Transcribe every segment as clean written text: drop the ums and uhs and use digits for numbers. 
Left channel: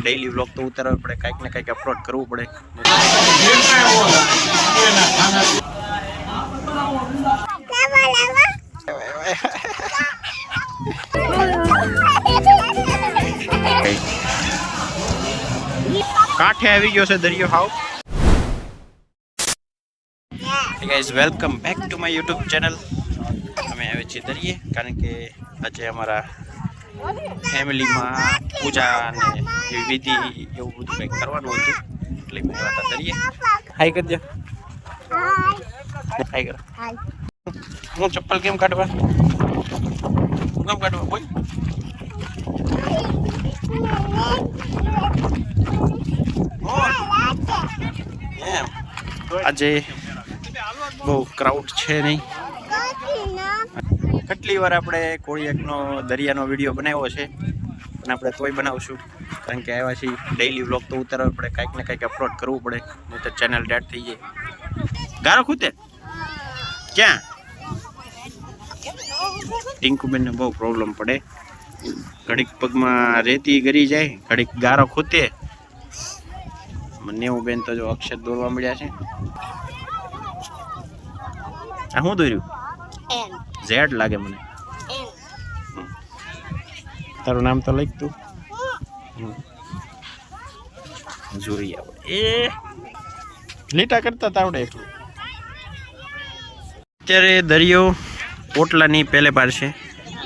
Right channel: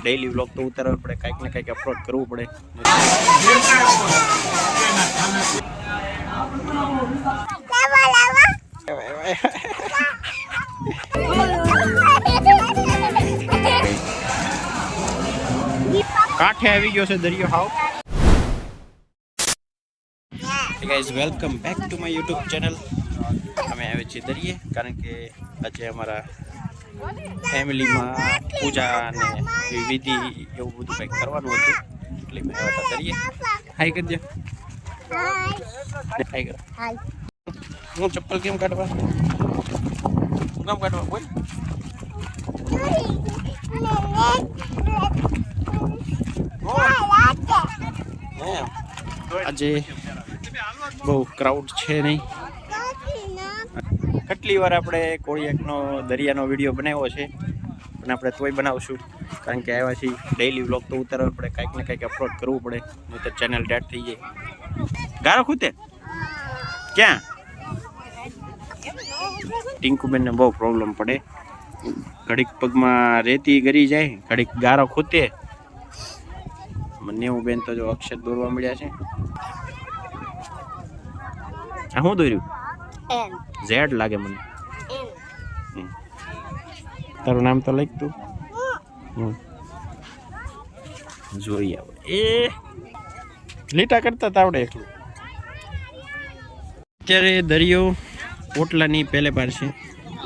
Daily vlog તો ઉતારવા પડે, કાંઈક ને કાંઈક અપલોડ કરવું પડે. કાંઠે આવી ગયો છે દરિયો હાવ. Hey guys, welcome back to my YouTube channel. અમે આવ્યા છીએ દરિયે કારણ કે આજે અમારા ફેમિલીમાં પૂજા અને એવી વિધિ એવું બધું કંઈક કરવાનું હતું એટલે મેં આવ્યા હતા દરિયે. હાય કરી દે. હાય કરો. હું ચપ્પલ કેમ કાઢવા? હું કેમ કાઢવા બોલ? આજે બહુ ક્રાઉડ છે નહીં. કેટલી વાર આપણે કોળિયાકનો દરિયાનો વિડીયો બનાવ્યો છે પણ આપણે તોય બનાવશું કારણ કે આવ્યા છીએ ડેઈલી વ્લોગ તો ઉતારવા પડે, કાંઈક ને કાંઈક અપલોડ કરવું પડે, નહીં તો ચેનલ ડેડ થઈ જાય. ગારો ખૂતે ક્યાં? ટિંકુબેનને બહુ પ્રોબ્લેમ પડે, ઘડીક પગમાં રેતી ગરી જાય, ઘડીક ગારો ખૂતે. મને એવું બેન તો જો અક્ષર દોરવા મળ્યા છે. આ શું દોર્યું? ઝેડ લાગે મને. તારું નામ તો લખ તું. જોઈ આવો એ લીટા કરતા તાવડે એટલું. અત્યારે દરિયો ઓટલાની પહેલે પાર છે.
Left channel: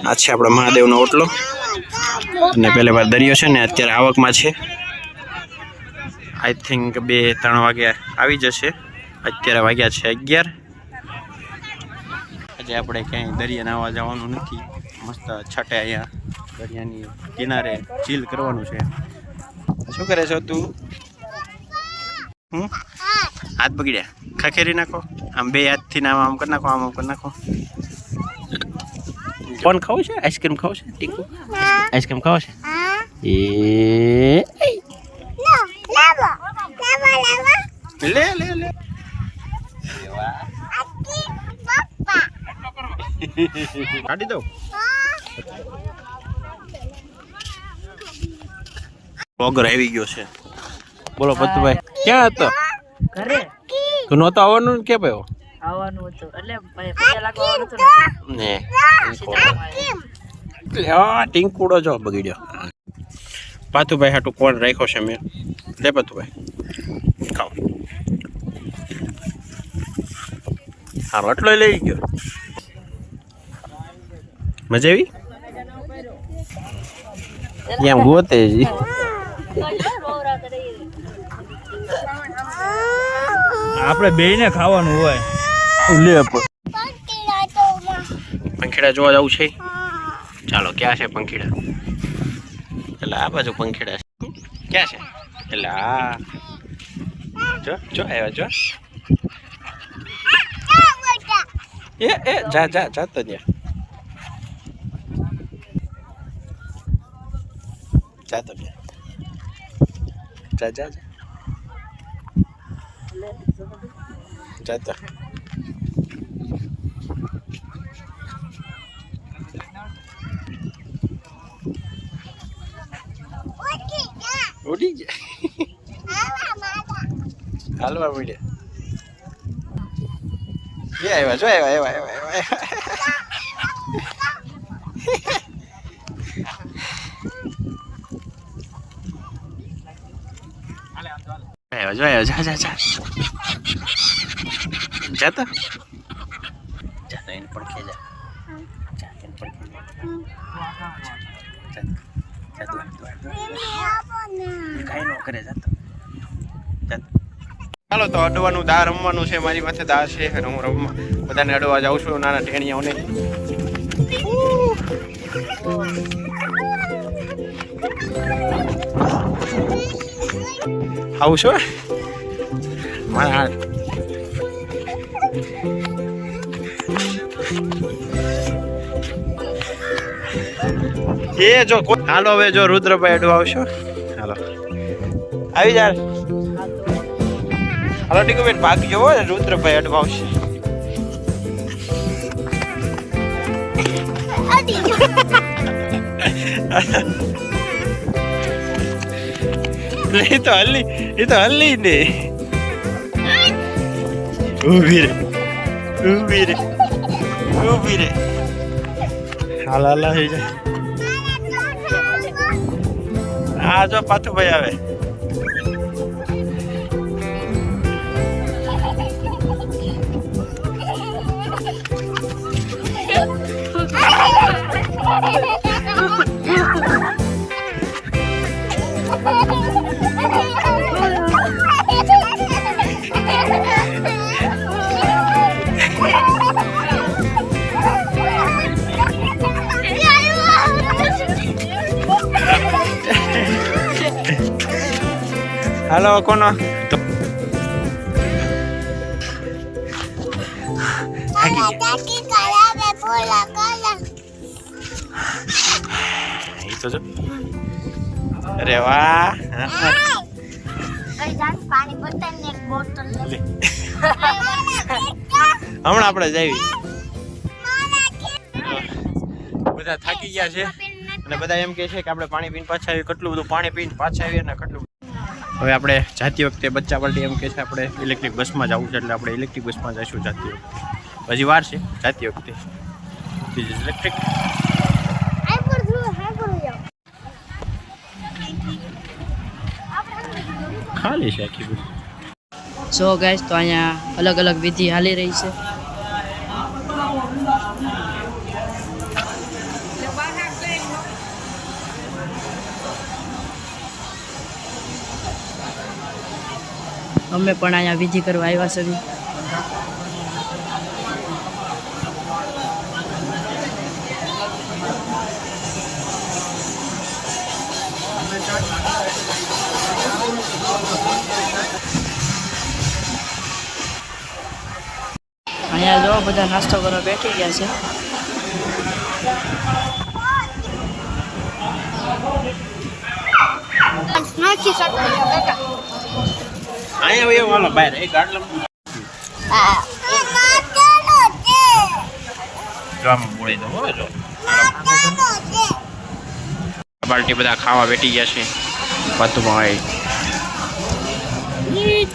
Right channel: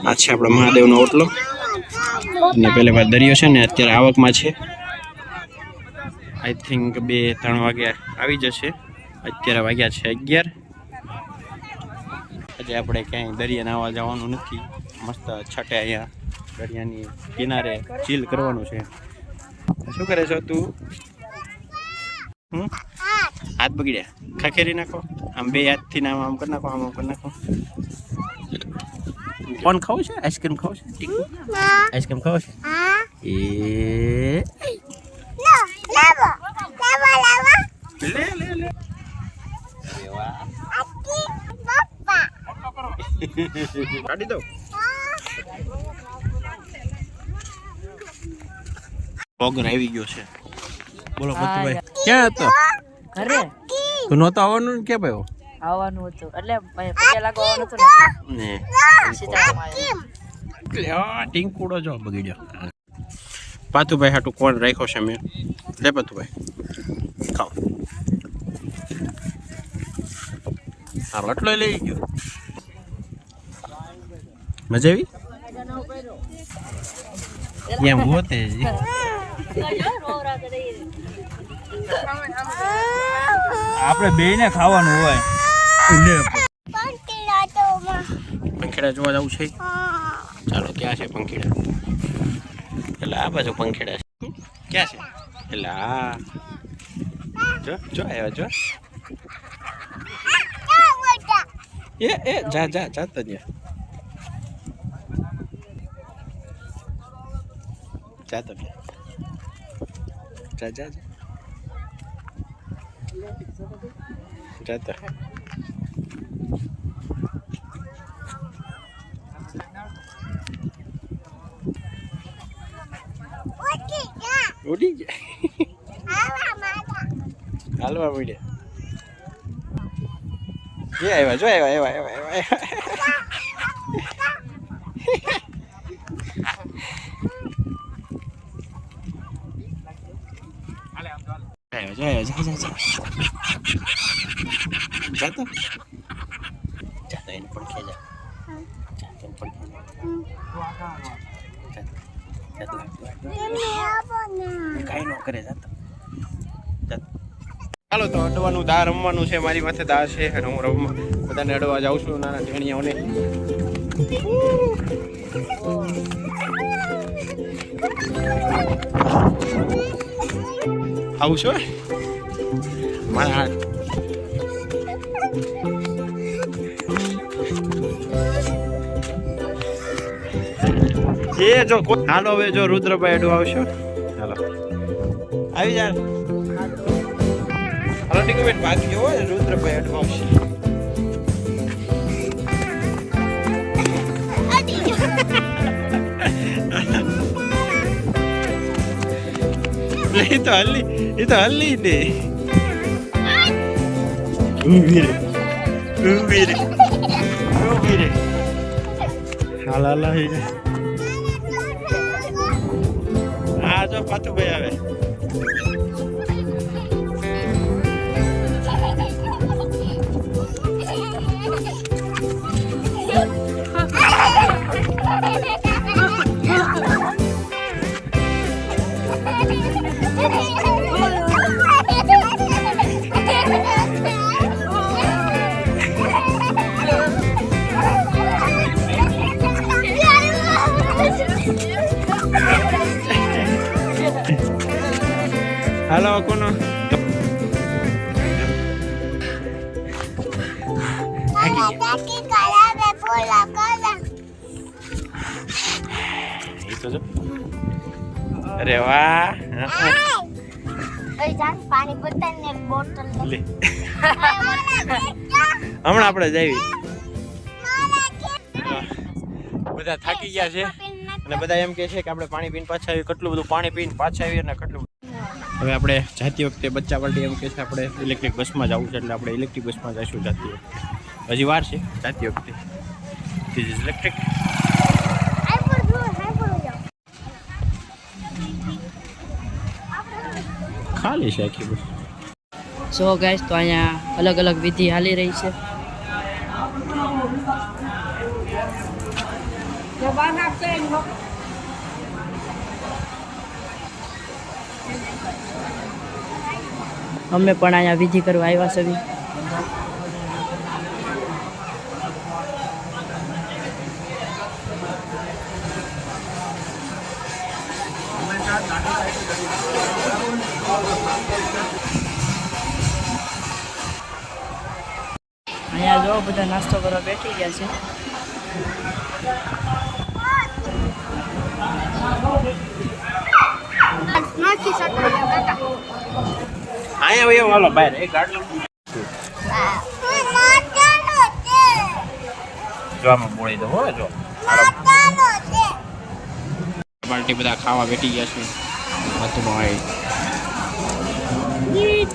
આ છે આપણા મહાદેવનો ઓટલો અને પહેલે પાર દરિયો છે ને અત્યારે આવકમાં છે. આઈ થિંક 2-3 વાગ્યા આવી જશે. અત્યારે વાગ્યા છે 11. આજે આપણે ક્યાંય દરિયા નાવા જવાનું નથી, મસ્ત છાટે અહીંયા દરિયાની કિનારે ચીલ કરવાનું છે. શું કરે છો તું? હાથ બગડ્યા, ખખેરી નાખો. આમ 2 હાથથી આમ આમ કરી નાખો, આમ આમ કરી નાખો. કોણ ખાવું છે? આઈસ્ક્રીમ ખાવું છે? ટીકુ આઈસ્ક્રીમ ખાવું છે? એ લે લે લે. કાઢી દો. વગર આવી ગયો છે. બોલો પતુભાઈ, ક્યાં હતો? ઘરે. તું નહોતો આવવાનું ને? કે ભાઈ આવવાનું હતું એટલે પૈસા લાગવાનું હતું ને. ટીંકુડો જો બગડ્યો. પાતુભાઈ હાટું કોણ રાખ્યો છે મેં? લે પાતુભાઈ ખાઓ. હા એટલો લઈ ગયો. મજા આવી? એમ ગોતે આપણે બેયને ખાવાનું હોય. લે પંખીડા જોવા જવું છે. ચાલો ક્યાં છે પંખીડા? એટલે આ બાજુ પંખીડા છે. ક્યાં છે? એટલે આ જો જો આવ્યા જો. એ જા જા જા તો ત્યાં જા તો ત્યાં જા જા જા જા તો. ઉડી ગયા. હાલવા મળ્યા. એ આવ્યા જો આવ્યા આવ્યા આવ્યા આવ્યા જો આવ્યા. જા જા જા જા તો જા તો એને પડખે જા. જા એને પડખે જા. જા તું કાંઈ ન કરે. જા તો ચાલો તો અડવાનું દા રમવાનું છે. મારી માથે દા છે અને હું રમવા બધાને અડવા જાઉં છું, નાના ટેણીઓને. આવું છો મારા એ જો. હાલો હવે જો રુદ્રભાઈ અડવા આવશો. હાલો આવી જા. હાલો ટીકુબેન ભાગજો, રુદ્રભાઈ અડવા આવશે. એ તો હલ્લી ને ઊભી રે હાલ હઈ જાય. આ જો પાથુભાઈ આવે. હાલો કોનો એ તો જો. અરે વાહ. હમણાં આપણે જઈએ. બધા થાકી ગયા છે અને બધા એમ કહે છે કે આપણે પાણી પીને પાછા આવીએ. કેટલું બધું પાણી પીને પાછા આવીએ ને કેટલું. હવે આપણે જાતી વખતે બચ્ચા પાર્ટી એમ કહે છે આપણે ઇલેક્ટ્રિક બસમાં જવું છે એટલે આપણે ઇલેક્ટ્રિક બસમાં જઈશું જાતી વખતે. હજી વાર છે જાતી વખતે. ઇલેક્ટ્રિક ખાલી છે આખી બસ. સો ગાઈસ તો અહીંયા અલગ અલગ વિધિ હાલી રહી છે. અમે પણ અહીંયા વિધિ કરવા આવ્યા છે. અહીંયા જો બધા નાસ્તો કરવા બેઠી ગયા છે. પાર્ટી બધા ખાવા બેઠી ગયા છે. પાતુભાઈ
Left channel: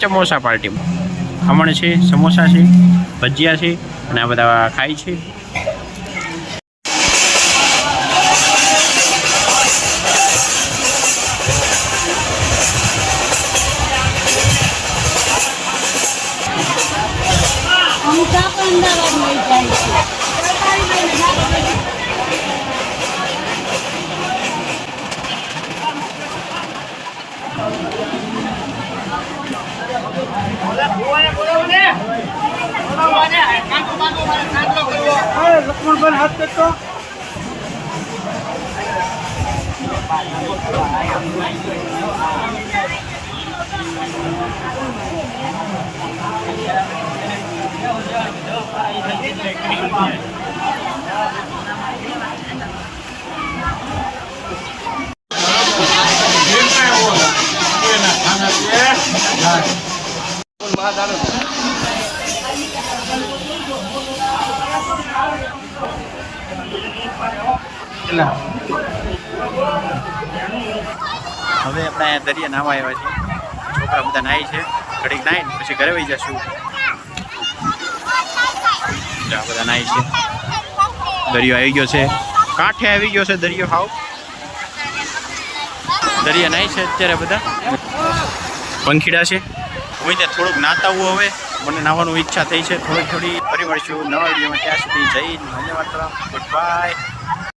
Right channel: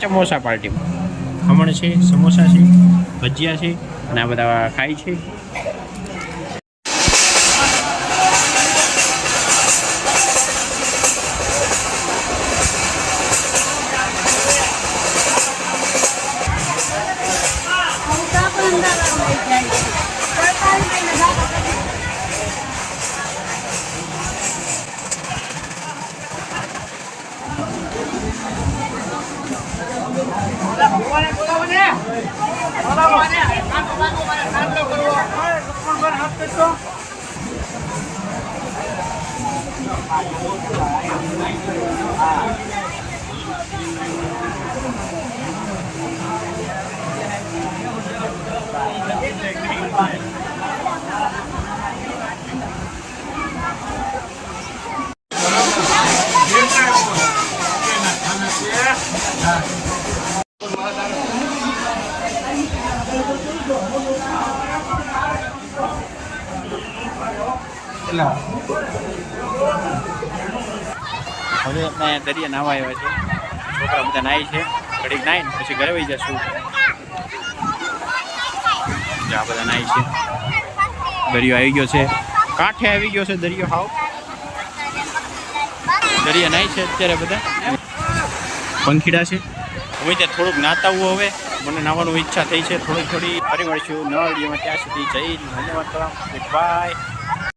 સમોસા પાર્ટીમાં ખમણ છે, સમોસા છે, ભજીયા છે અને આ બધા ખાય છે. હવે આપણે અહીંયા દરિયા નાવા આવ્યા છીએ. છોકરા બધા નાય છે. ઘડીક નાઈને પછી ઘરે વહી જશું. આ બધા નાય છે. દરિયો આવી ગયો છે. કાંઠે આવી ગયો છે દરિયો. હાવ દરિયા નાય છે અત્યારે બધા. પંખીડા છે. હું ત્યાં થોડુંક નાતા હું હવે મને નાહવાનું ઈચ્છા થઈ છે. થોડી ફરી મળશું નવા વિડીયોમાં. ત્યાં સુધી જય ધન્યવાદ. Good bye.